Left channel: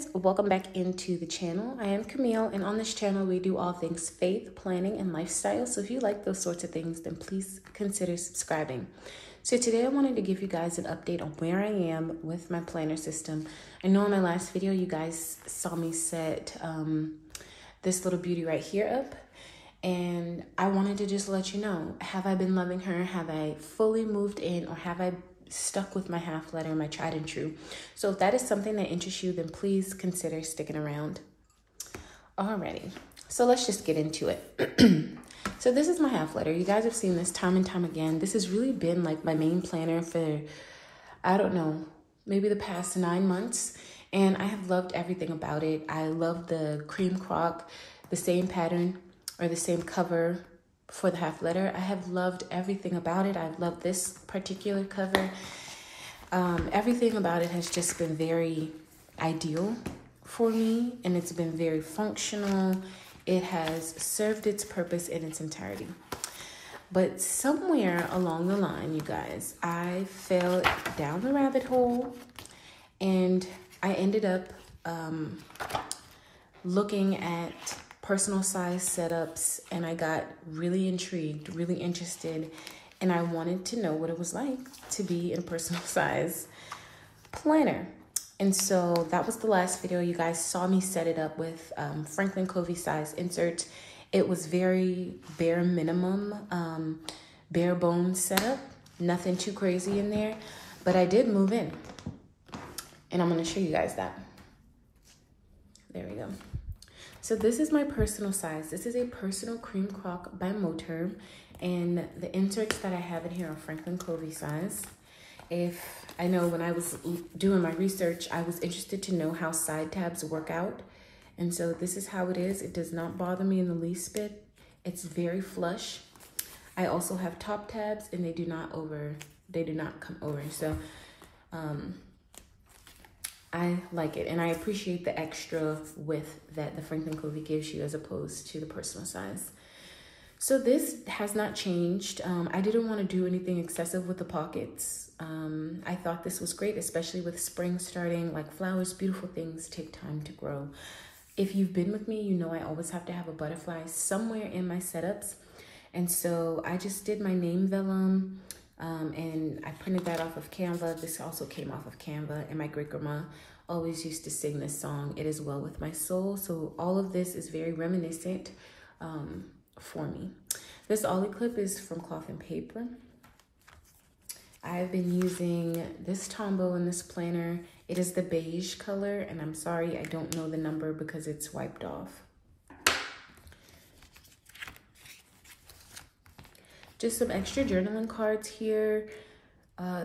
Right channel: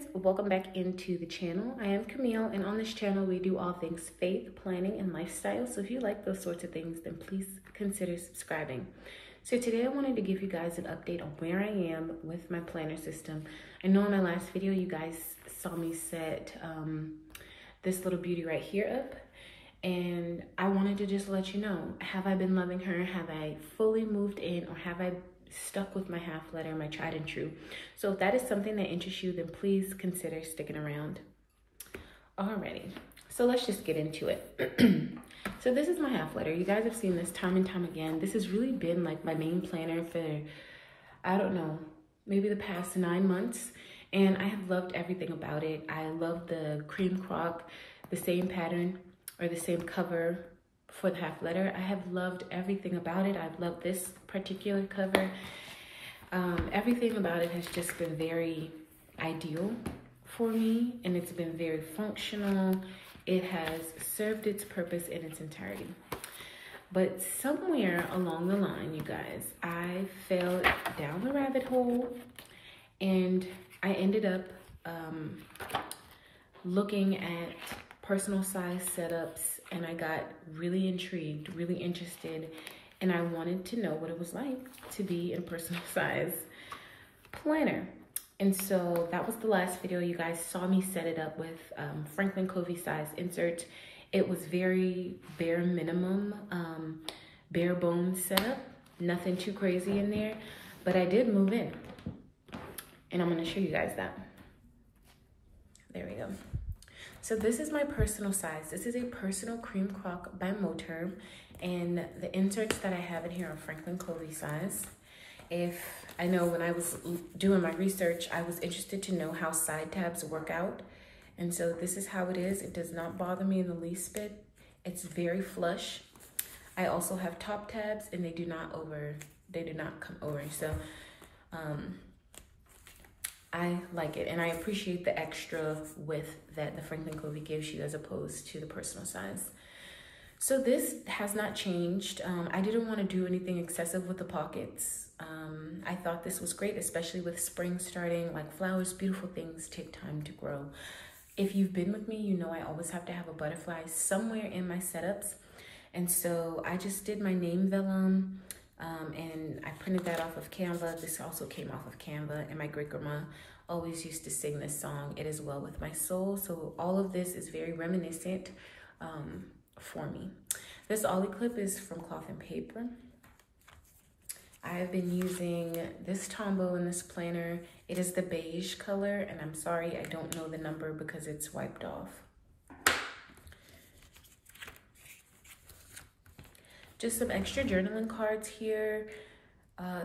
friends, welcome back into the channel. I am Camille, and on this channel we do all things faith, planning, and lifestyle. So if you like those sorts of things, then please consider subscribing. So today I wanted to give you guys an update on where I am with my planner system. I know in my last video you guys saw me set this little beauty right here up, and I wanted to just let you know, have I been loving her? Have I fully moved in, or have I stuck with my half letter, my tried and true? So if that is something that interests you, then please consider sticking around. Alrighty, so let's just get into it. So this is my half letter. You guys have seen this time and time again. This has really been like my main planner for, I don't know, maybe the past 9 months, and I have loved everything about it. I love the cream croc, the same pattern or the same cover for the half letter. I have loved everything about it. I've loved this particular cover. Everything about it has just been very ideal for me, and it's been very functional. It has served its purpose in its entirety. But somewhere along the line, you guys, I fell down the rabbit hole, and I ended up looking at personal size setups, and I got really intrigued, really interested, and I wanted to know what it was like to be in a personal size planner. And so that was the last video. You guys saw me set it up with Franklin Covey size inserts. It was very bare minimum, bare bones setup, nothing too crazy in there, but I did move in, and I'm gonna show you guys that. There we go. So this is my personal size. This is a personal cream croc by Moterm, and the inserts that I have in here are Franklin Covey size. If I know, when I was doing my research, I was interested to know how side tabs work out. And so this is how it is. It does not bother me in the least bit. It's very flush. I also have top tabs, and they do not come over. So I like it, and I appreciate the extra width that the Franklin Covey gives you as opposed to the personal size. So this has not changed. I didn't want to do anything excessive with the pockets. I thought this was great, especially with spring starting. Like, flowers, beautiful things take time to grow. If you've been with me, you know I always have to have a butterfly somewhere in my setups. And so I just did my name vellum, and I printed that off of Canva. This also came off of Canva, and my great grandma always used to sing this song, "It Is Well With My Soul." So all of this is very reminiscent for me. This ollie clip is from Cloth and Paper. I've been using this Tombow in this planner. It is the beige color, and I'm sorry I don't know the number because it's wiped off. Just some extra journaling cards here.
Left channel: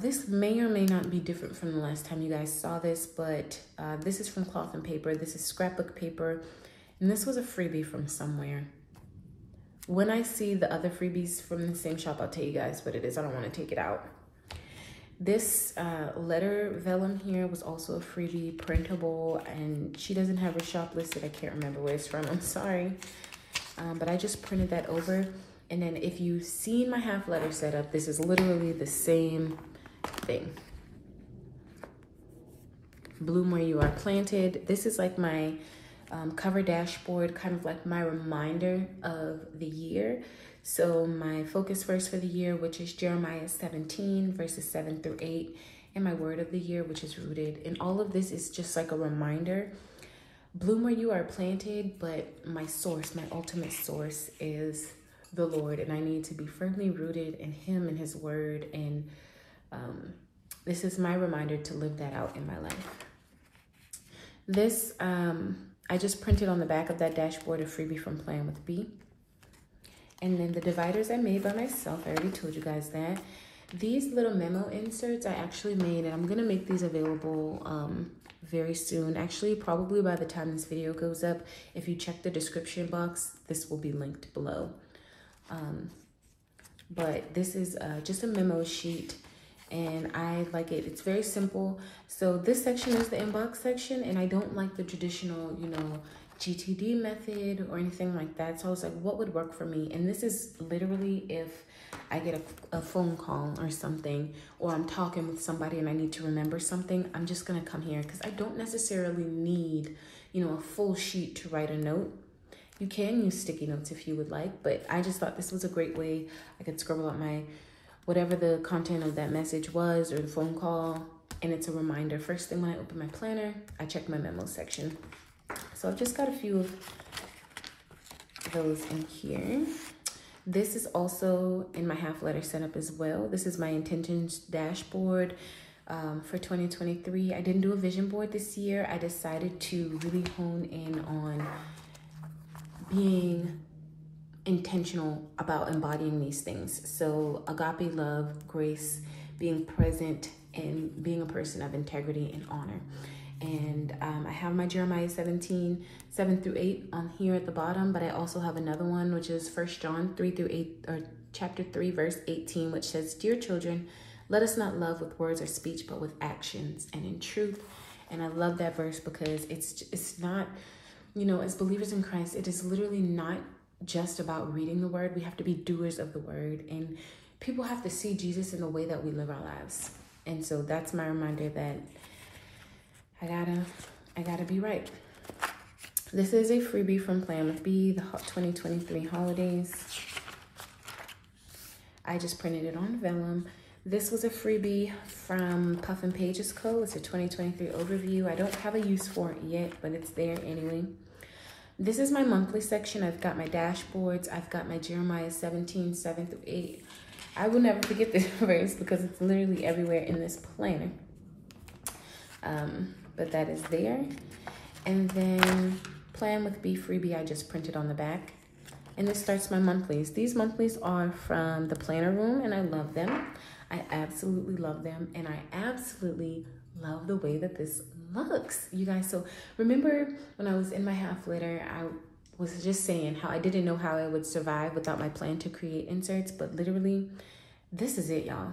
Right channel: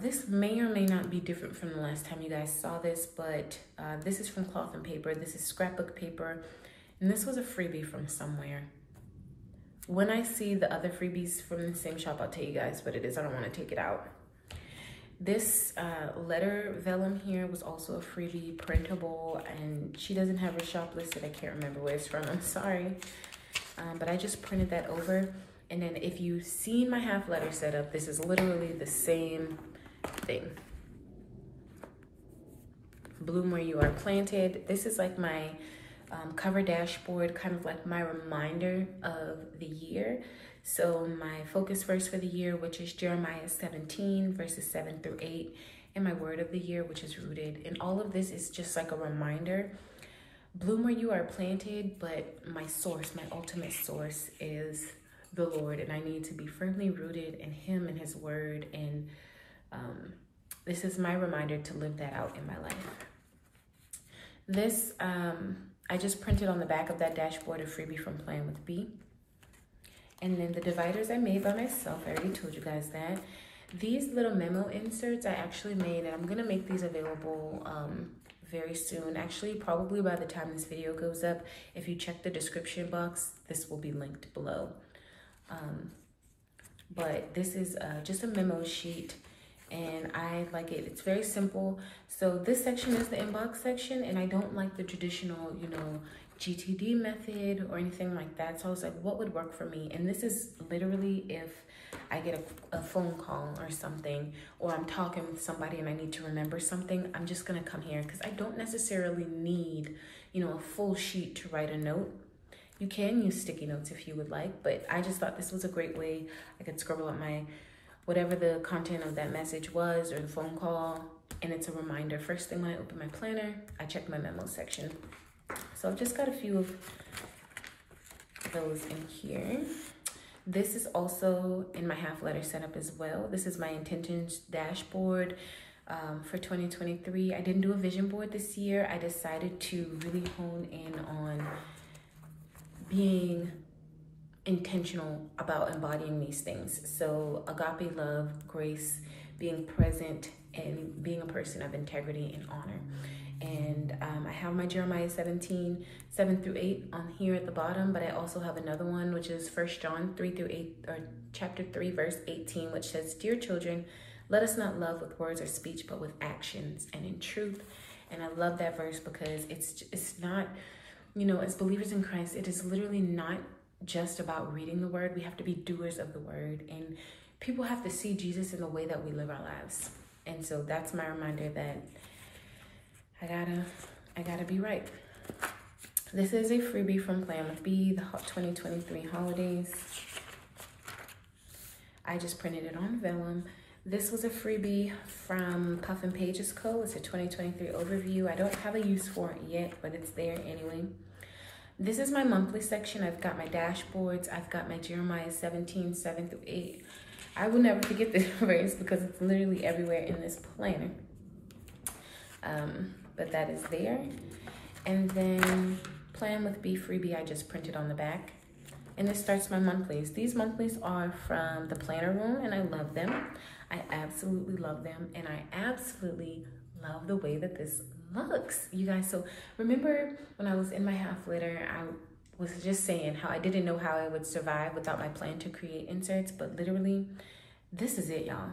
This may or may not be different from the last time you guys saw this, but this is from Cloth and Paper. This is scrapbook paper, and this was a freebie from somewhere. When I see the other freebies from the same shop, I'll tell you guys what it is. I don't want to take it out. This letter vellum here was also a freebie, printable, and she doesn't have her shop listed. I can't remember where it's from. I'm sorry. But I just printed that over. And then if you've seen my half letter setup, this is literally the same thing. Bloom Where You Are Planted. This is like my cover dashboard, kind of like my reminder of the year. So my focus verse for the year, which is Jeremiah 17, verses 7 through 8, and my word of the year, which is rooted. And all of this is just like a reminder. Bloom Where You Are Planted, but my source, my ultimate source is the Lord, and I need to be firmly rooted in Him and His word. And this is my reminder to live that out in my life. This, I just printed on the back of that dashboard a freebie from Playing with B. And then the dividers I made by myself. I already told you guys that. These little memo inserts I actually made, and I'm gonna make these available very soon. Actually, probably by the time this video goes up. If you check the description box, this will be linked below. But this is just a memo sheet, and I like it. It's very simple. So this section is the inbox section, and I don't like the traditional, you know, GTD method or anything like that. So I was like, what would work for me? And this is literally if I get a phone call or something, or I'm talking with somebody and I need to remember something, I'm just gonna come here because I don't necessarily need, you know, a full sheet to write a note. You can use sticky notes if you would like, but I just thought this was a great way. I could scribble out my, whatever the content of that message was or the phone call, and it's a reminder. First thing when I open my planner, I check my memo section. So I've just got a few of those in here. This is also in my half letter setup as well. This is my intentions dashboard for 2023. I didn't do a vision board this year. I decided to really hone in on being intentional about embodying these things. So agape love, grace, being present, and being a person of integrity and honor. And I have my Jeremiah 17, 7 through 8 on here at the bottom, but I also have another one, which is 1 John 3 through 8, or chapter 3, verse 18, which says, "Dear children, let us not love with words or speech, but with actions and in truth." And I love that verse because it's not, you know, as believers in Christ, it is literally not just about reading the word. We have to be doers of the word, and people have to see Jesus in the way that we live our lives. And so that's my reminder that I gotta be right. This is a freebie from Plan with B, the 2023 holidays. I just printed it on vellum. This was a freebie from Puff and Pages Co. It's a 2023 overview. I don't have a use for it yet, but it's there anyway. This is my monthly section. I've got my dashboards. I've got my Jeremiah 17, 7 through 8. I will never forget this verse because it's literally everywhere in this planner. But that is there. And then Plan with B freebie, I just printed on the back. And this starts my monthlies. These monthlies are from the planner room, and I love them. I absolutely love them, and I absolutely love the way that this looks, you guys. So remember when I was in my half letter, I was just saying how I didn't know how I would survive without my plan to create inserts, but literally, this is it, y'all.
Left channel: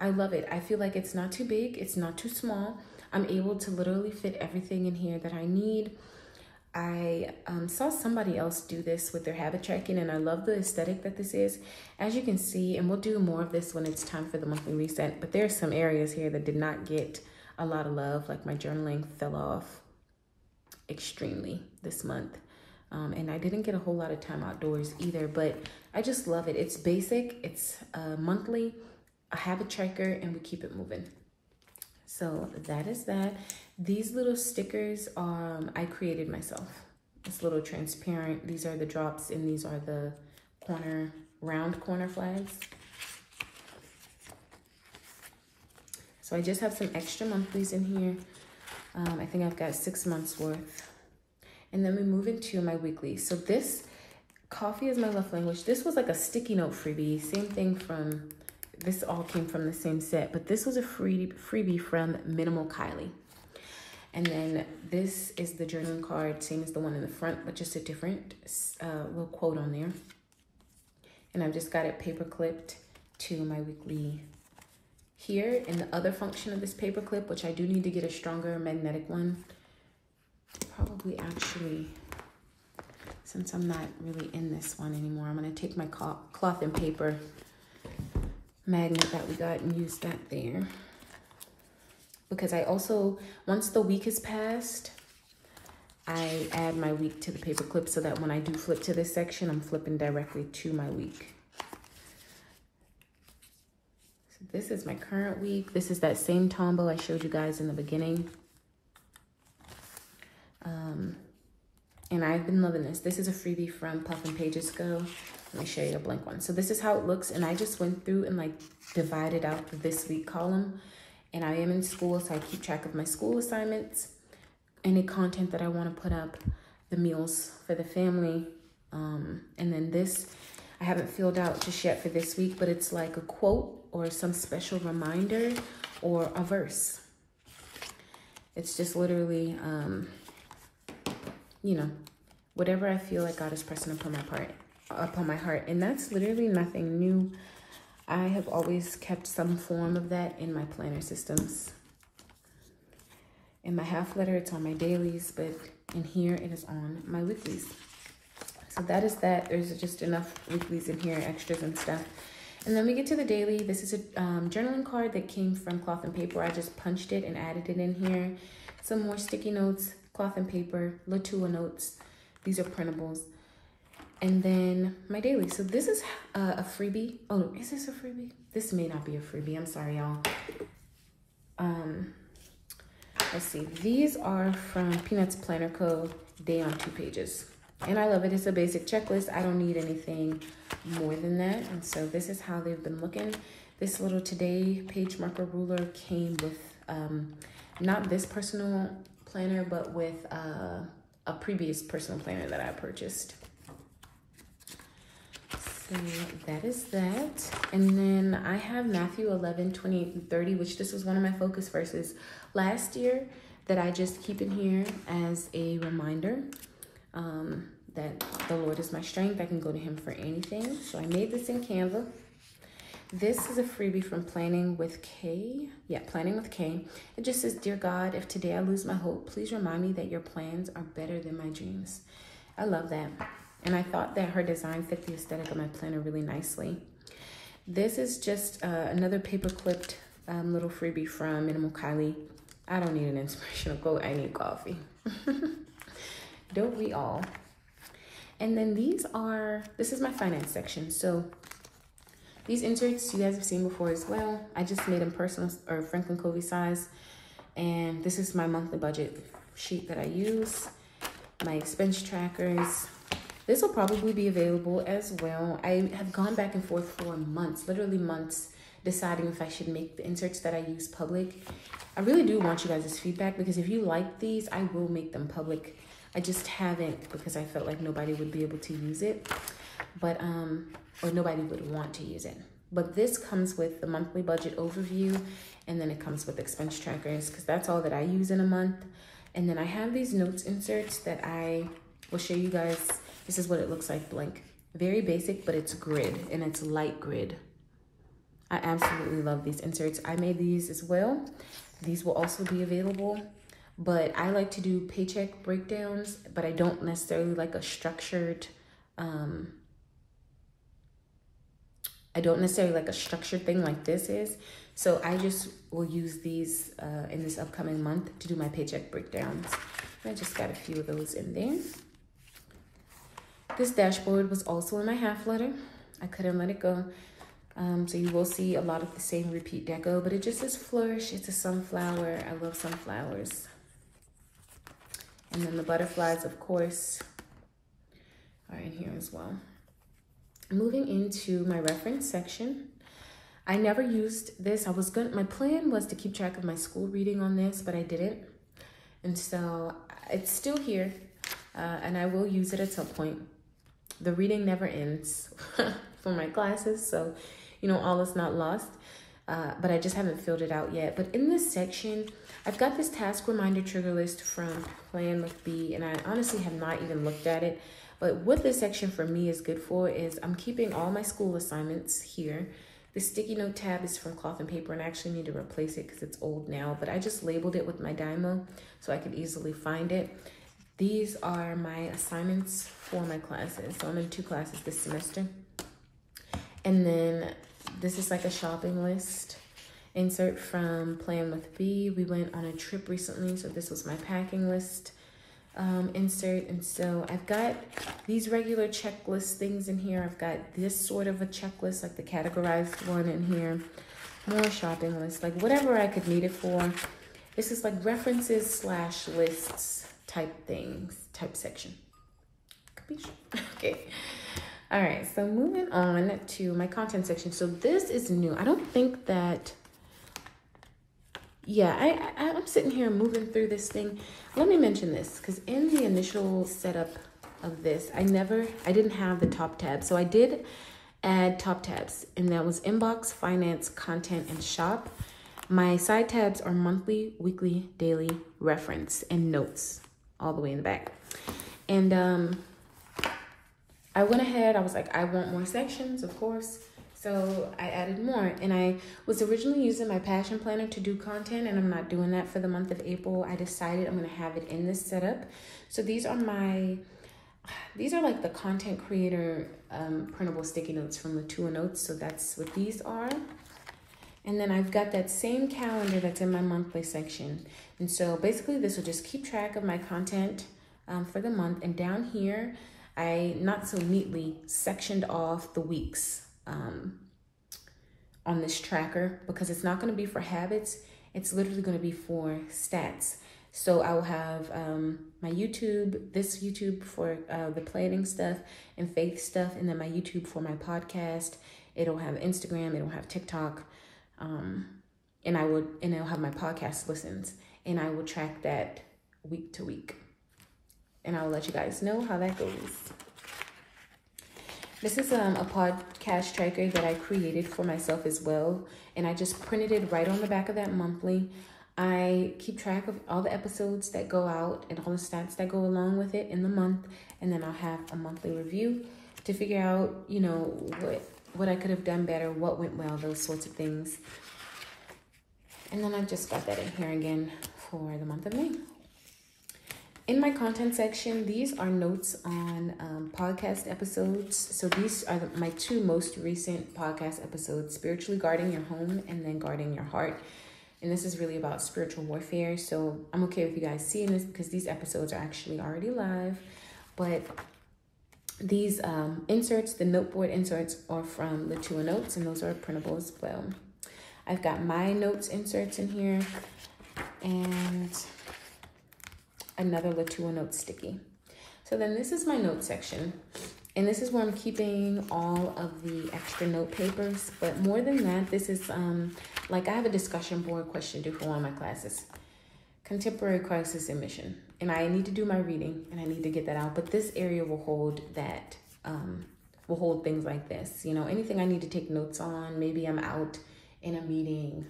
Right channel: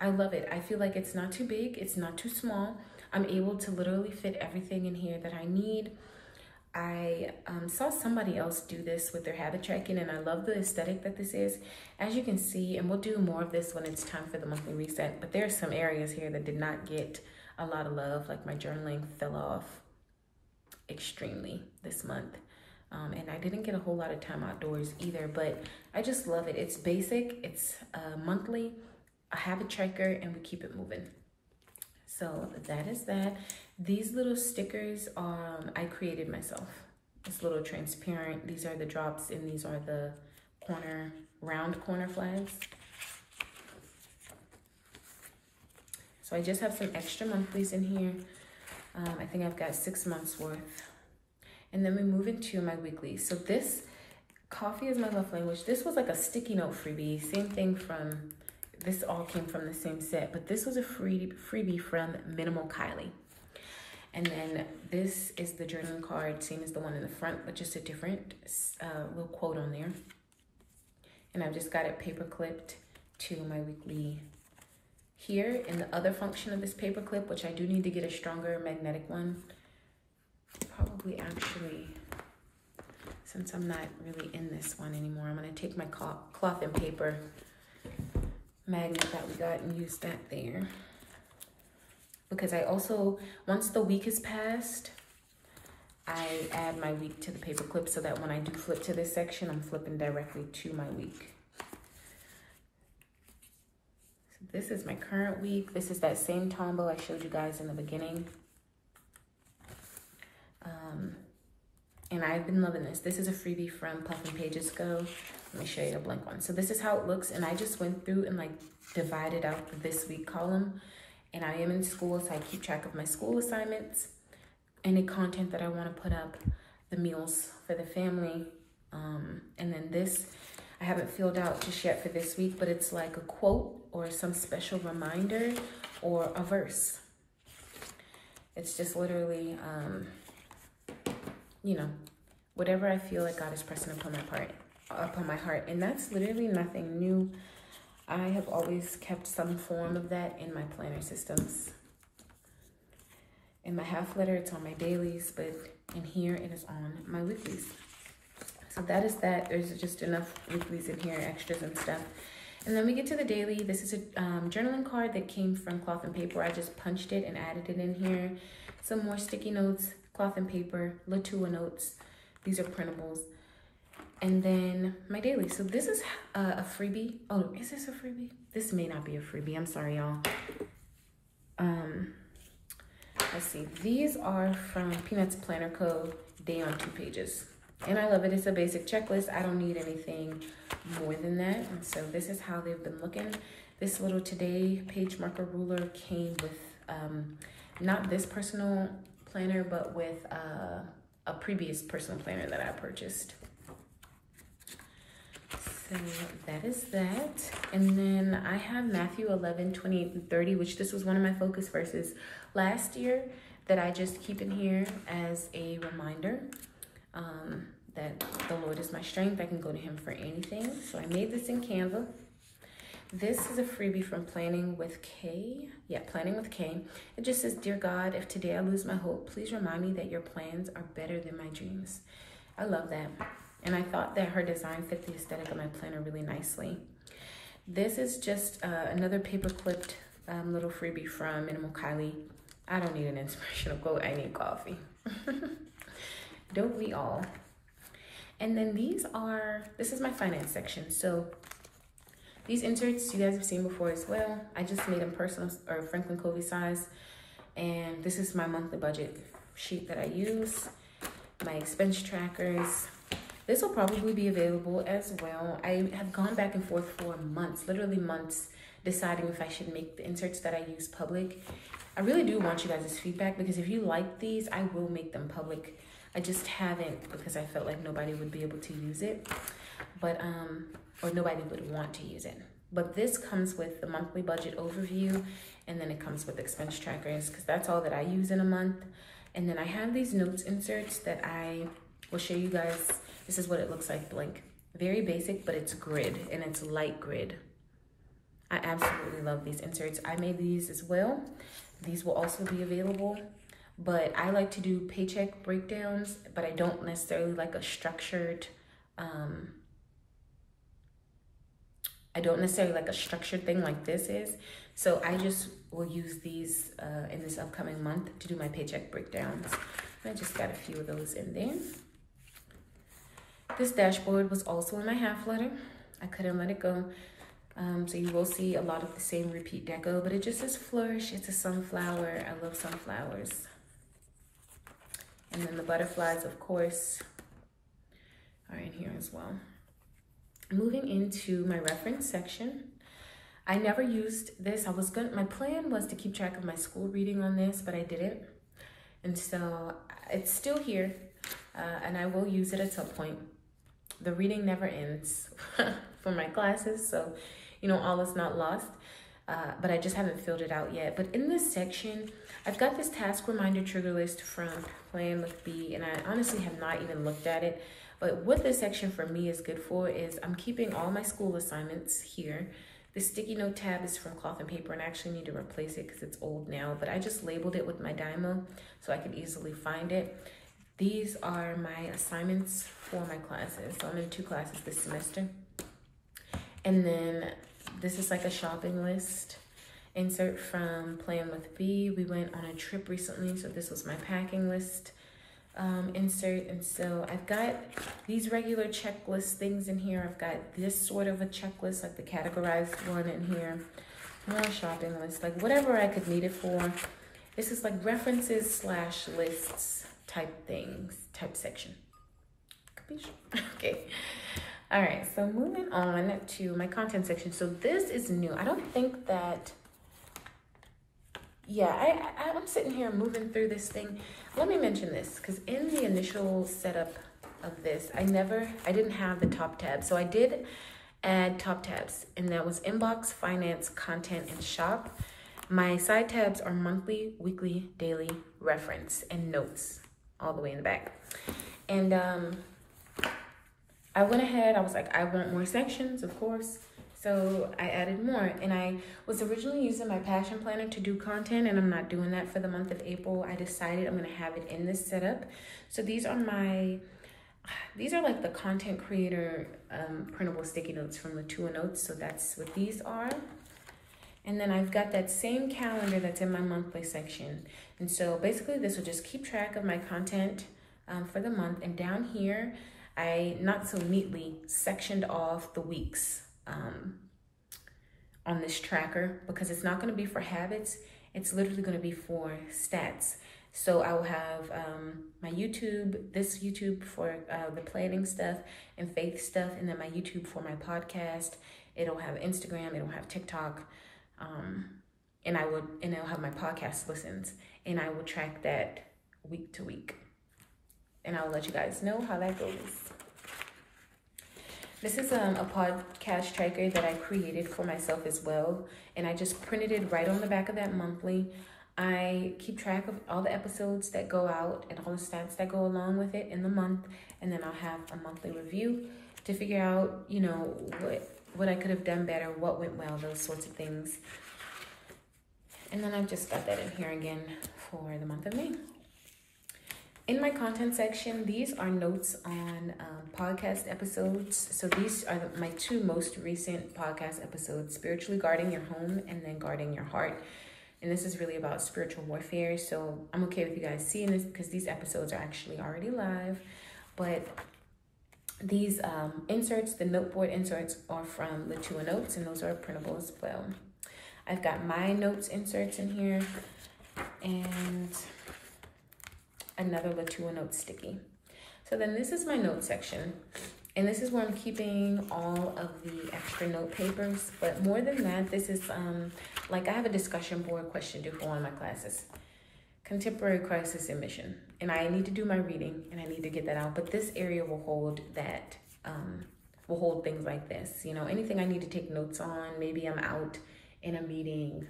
I love it. I feel like it's not too big, it's not too small. I'm able to literally fit everything in here that I need. I saw somebody else do this with their habit tracking, and I love the aesthetic that this is. As you can see, and we'll do more of this when it's time for the monthly reset, but there are some areas here that did not get a lot of love, like my journaling fell off extremely this month. And I didn't get a whole lot of time outdoors either, but I just love it. It's basic, it's monthly, a habit tracker, and we keep it moving. So that is that. These little stickers I created myself. It's a little transparent. These are the drops, and these are the round corner flags. So I just have some extra monthlies in here. I think I've got 6 months worth. And then we move into my weekly. So this, Coffee is My Love Language. This was like a sticky note freebie. Same thing from, this all came from the same set, but this was a freebie from Minimal Kylie. And then this is the journaling card, same as the one in the front, but just a different little quote on there. And I've just got it paper clipped to my weekly here. And the other function of this paper clip, which I do need to get a stronger magnetic one, probably actually, since I'm not really in this one anymore, I'm gonna take my cloth and paper magnet that we got and use that there. Because I also, once the week is passed, I add my week to the paper clip so that when I do flip to this section, I'm flipping directly to my week. So this is my current week. This is that same tombow I showed you guys in the beginning. And I've been loving this. This is a freebie from Puff and Pages Co. Let me show you a blank one. So this is how it looks. And I just went through and like divided out the this week column. And I am in school, so I keep track of my school assignments, any content that I want to put up, the meals for the family. And then this, I haven't filled out just yet for this week, but it's like a quote or some special reminder or a verse. It's just literally, you know, whatever I feel like God is pressing upon my heart. And that's literally nothing new. I have always kept some form of that in my planner systems. In my half letter, it's on my dailies, but in here, it is on my weeklies. So that is that. There's just enough weeklies in here, extras and stuff. And then we get to the daily. This is a journaling card that came from Cloth and Paper. I just punched it and added it in here. Some more sticky notes, Cloth and Paper, Latua notes. These are printables. And then my daily. So this is a freebie. Oh, is this a freebie? This may not be a freebie. I'm sorry, y'all. Let's see. These are from Peanuts Planner Co. Day on 2 pages. And I love it. It's a basic checklist. I don't need anything more than that. And so this is how they've been looking. This little today page marker ruler came with not this personal planner, but with a previous personal planner that I purchased. So that is that. And then I have Matthew 11, 28 and 30, which this was one of my focus verses last year that I just keep in here as a reminder that the Lord is my strength. I can go to him for anything. So I made this in Canva. This is a freebie from Planning with K. Yeah, Planning with K. It just says, Dear God, if today I lose my hope, please remind me that your plans are better than my dreams. I love that. And I thought that her design fit the aesthetic of my planner really nicely. This is just another paper clipped little freebie from Minimal Kylie. I don't need an inspirational quote. I need coffee. Don't we all? And then this is my finance section. So these inserts you guys have seen before as well. I just made them personal or Franklin Covey size. And this is my monthly budget sheet that I use. My expense trackers. This will probably be available as well. I have gone back and forth for months, literally months, deciding if I should make the inserts that I use public. I really do want you guys' feedback because if you like these, I will make them public. I just haven't because I felt like nobody would be able to use it, but or nobody would want to use it. But this comes with the monthly budget overview, and then it comes with expense trackers because that's all that I use in a month. And then I have these notes inserts that I will show you guys. This is what it looks like blank. Very basic, but it's grid and it's light grid. I absolutely love these inserts. I made these as well. These will also be available, but I like to do paycheck breakdowns, but I don't necessarily like a structured, thing like this is. So I just will use these in this upcoming month to do my paycheck breakdowns. I just got a few of those in there. This dashboard was also in my half letter. I couldn't let it go. So you will see a lot of the same repeat deco, but it just says flourish. It's a sunflower. I love sunflowers. And then the butterflies, of course, are in here as well. Moving into my reference section. I never used this. My plan was to keep track of my school reading on this, but I didn't. And so it's still here, and I will use it at some point. The reading never ends for my classes, so you know, all is not lost, but I just haven't filled it out yet. But in this section, I've got this task reminder trigger list from Plan with B, and I honestly have not even looked at it. But what this section for me is good for is I'm keeping all my school assignments here. The sticky note tab is from Cloth and Paper, and I actually need to replace it because it's old now, but I just labeled it with my Dymo so I could easily find it. These are my assignments for my classes. So I'm in 2 classes this semester. And then this is like a shopping list insert from Plan with B. We went on a trip recently, so this was my packing list insert. And so I've got these regular checklist things in here. I've got this sort of a checklist, like the categorized one in here. More shopping list, like whatever I could need it for. This is like references / lists type section. Okay. All right, so moving on to my content section. So this is new. I don't think that, yeah, I'm sitting here moving through this thing. Let me mention this, because in the initial setup of this, I didn't have the top tab. So I did add top tabs, and that was inbox, finance, content, and shop. My side tabs are monthly, weekly, daily, reference, and notes, all the way in the back. And I went ahead, I was like, I want more sections, of course. So I added more, and I was originally using my Passion Planner to do content, and I'm not doing that for the month of April. I decided I'm gonna have it in this setup. So these are my these are like the content creator printable sticky notes from Latour Notes. So that's what these are. And then I've got that same calendar that's in my monthly section. And so basically this will just keep track of my content for the month. And down here, I not so neatly sectioned off the weeks on this tracker, because it's not going to be for habits. It's literally going to be for stats. So I will have my YouTube, this YouTube for the planning stuff and faith stuff, and then my YouTube for my podcast. It'll have Instagram, it'll have TikTok, and it'll have my podcast listens, and I will track that week to week. And I'll let you guys know how that goes. This is a podcast tracker that I created for myself as well, and I just printed it right on the back of that monthly. I keep track of all the episodes that go out and all the stats that go along with it in the month, and then I'll have a monthly review to figure out, you know, what I could have done better, what went well, those sorts of things. And then I've just got that in here again for the month of May. In my content section, these are notes on podcast episodes. So these are my two most recent podcast episodes, Spiritually Guarding Your Home and then Guarding Your Heart. And this is really about spiritual warfare. So I'm okay with you guys seeing this because these episodes are actually already live. But these inserts, the noteboard inserts, are from Latour Notes, and those are printable as well. I've got my notes inserts in here and another Latour Notes sticky. So then this is my note section. And this is where I'm keeping all of the extra note papers. But more than that, this is like I have a discussion board question due for one of my classes. Contemporary Crisis and Mission. And I need to do my reading and I need to get that out. But this area will hold that, will hold things like this. You know, anything I need to take notes on. Maybe I'm out in a meeting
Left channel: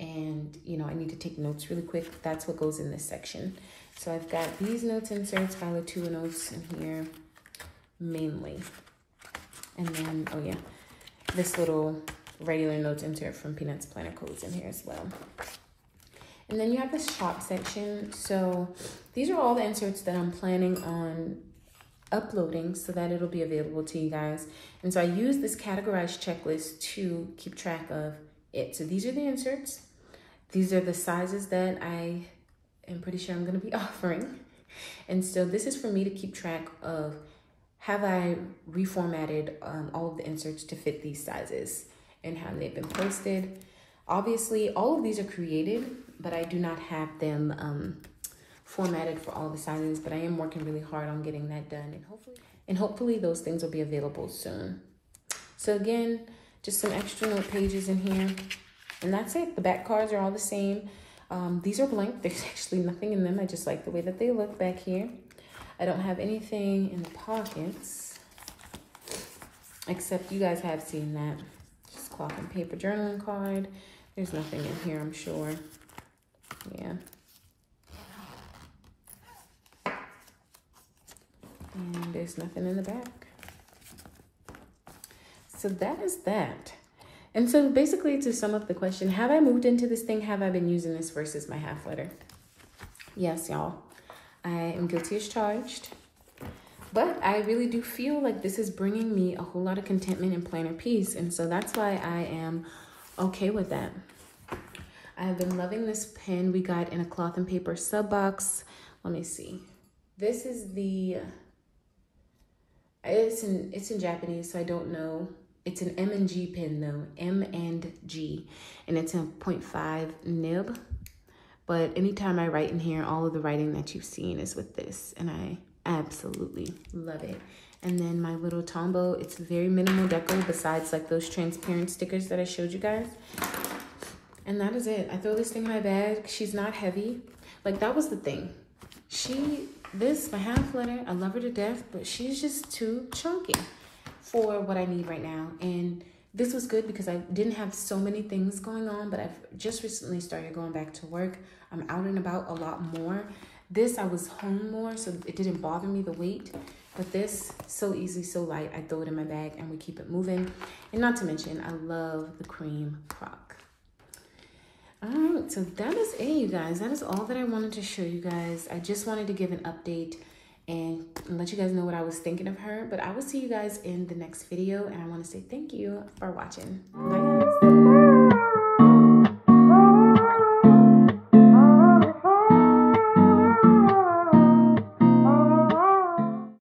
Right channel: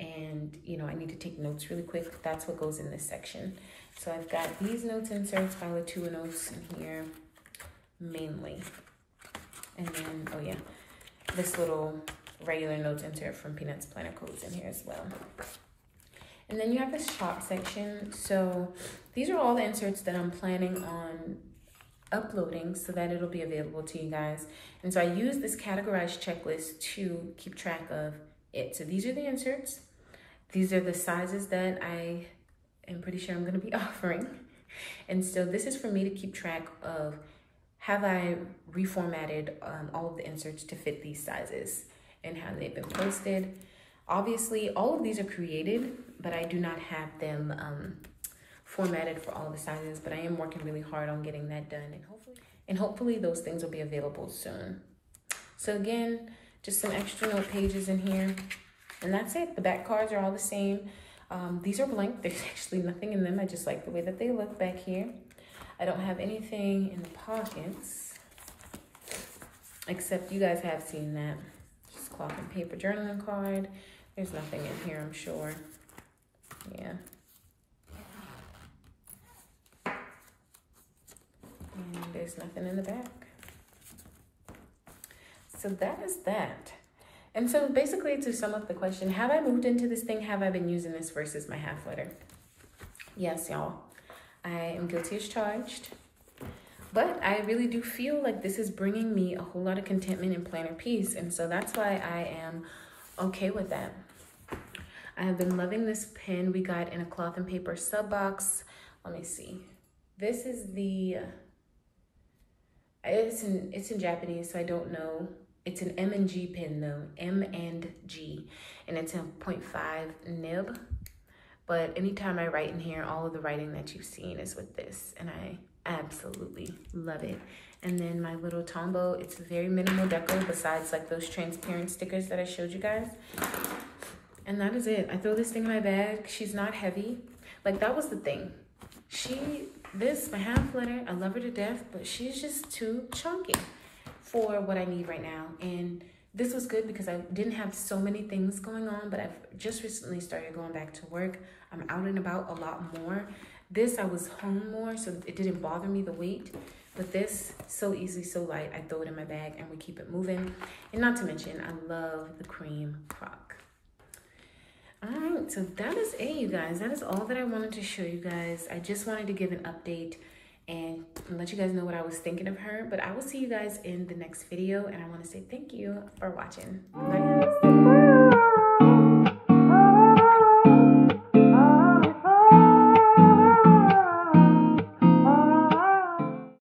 and, you know, I need to take notes really quick. That's what goes in this section. So I've got these notes inserts by Latour Notes in here mainly. And then, oh yeah, this little regular notes insert from Peanuts Planner Codes in here as well. And then you have this shop section. So these are all the inserts that I'm planning on uploading so that it'll be available to you guys. And so I use this categorized checklist to keep track of it. So these are the inserts. These are the sizes that I am pretty sure I'm going to be offering. And so this is for me to keep track of, have I reformatted all of the inserts to fit these sizes and how they've been posted. Obviously, all of these are created, but I do not have them formatted for all the sizes, but I am working really hard on getting that done. And hopefully those things will be available soon. So again, just some extra note pages in here. And that's it. The back cards are all the same. These are blank. There's actually nothing in them. I just like the way that they look back here. I don't have anything in the pockets, except you guys have seen that. Just cloth and paper journaling card. There's nothing in here, I'm sure. Yeah. And there's nothing in the back. So that is that. And so basically to sum up the question, have I moved into this thing? Have I been using this versus my half letter? Yes, y'all. I am guilty as charged. But I really do feel like this is bringing me a whole lot of contentment and planner peace. And so that's why I am okay with that. I have been loving this pen we got in a cloth and paper sub box. Let me see. This is the, it's in Japanese, so I don't know. It's an M&G pen though, M&G, and it's a 0.5 nib. But anytime I write in here, all of the writing that you've seen is with this, and I absolutely love it. And then my little Tombow, it's very minimal deco besides like those transparent stickers that I showed you guys. And that is it. I throw this thing in my bag. She's not heavy. Like that was the thing. My half letter, I love her to death, but she's just too chunky for what I need right now. And this was good because I didn't have so many things going on, but I've just recently started going back to work. I'm out and about a lot more. This, I was home more, so it didn't bother me, the weight. But this, so easy, so light. I throw it in my bag and we keep it moving. And not to mention, I love the cream crock. All right, so that is it, you guys. That is all that I wanted to show you guys. I just wanted to give an update and let you guys know what I was thinking of her. But I will see you guys in the next video, and I want to say thank you for watching. Bye guys.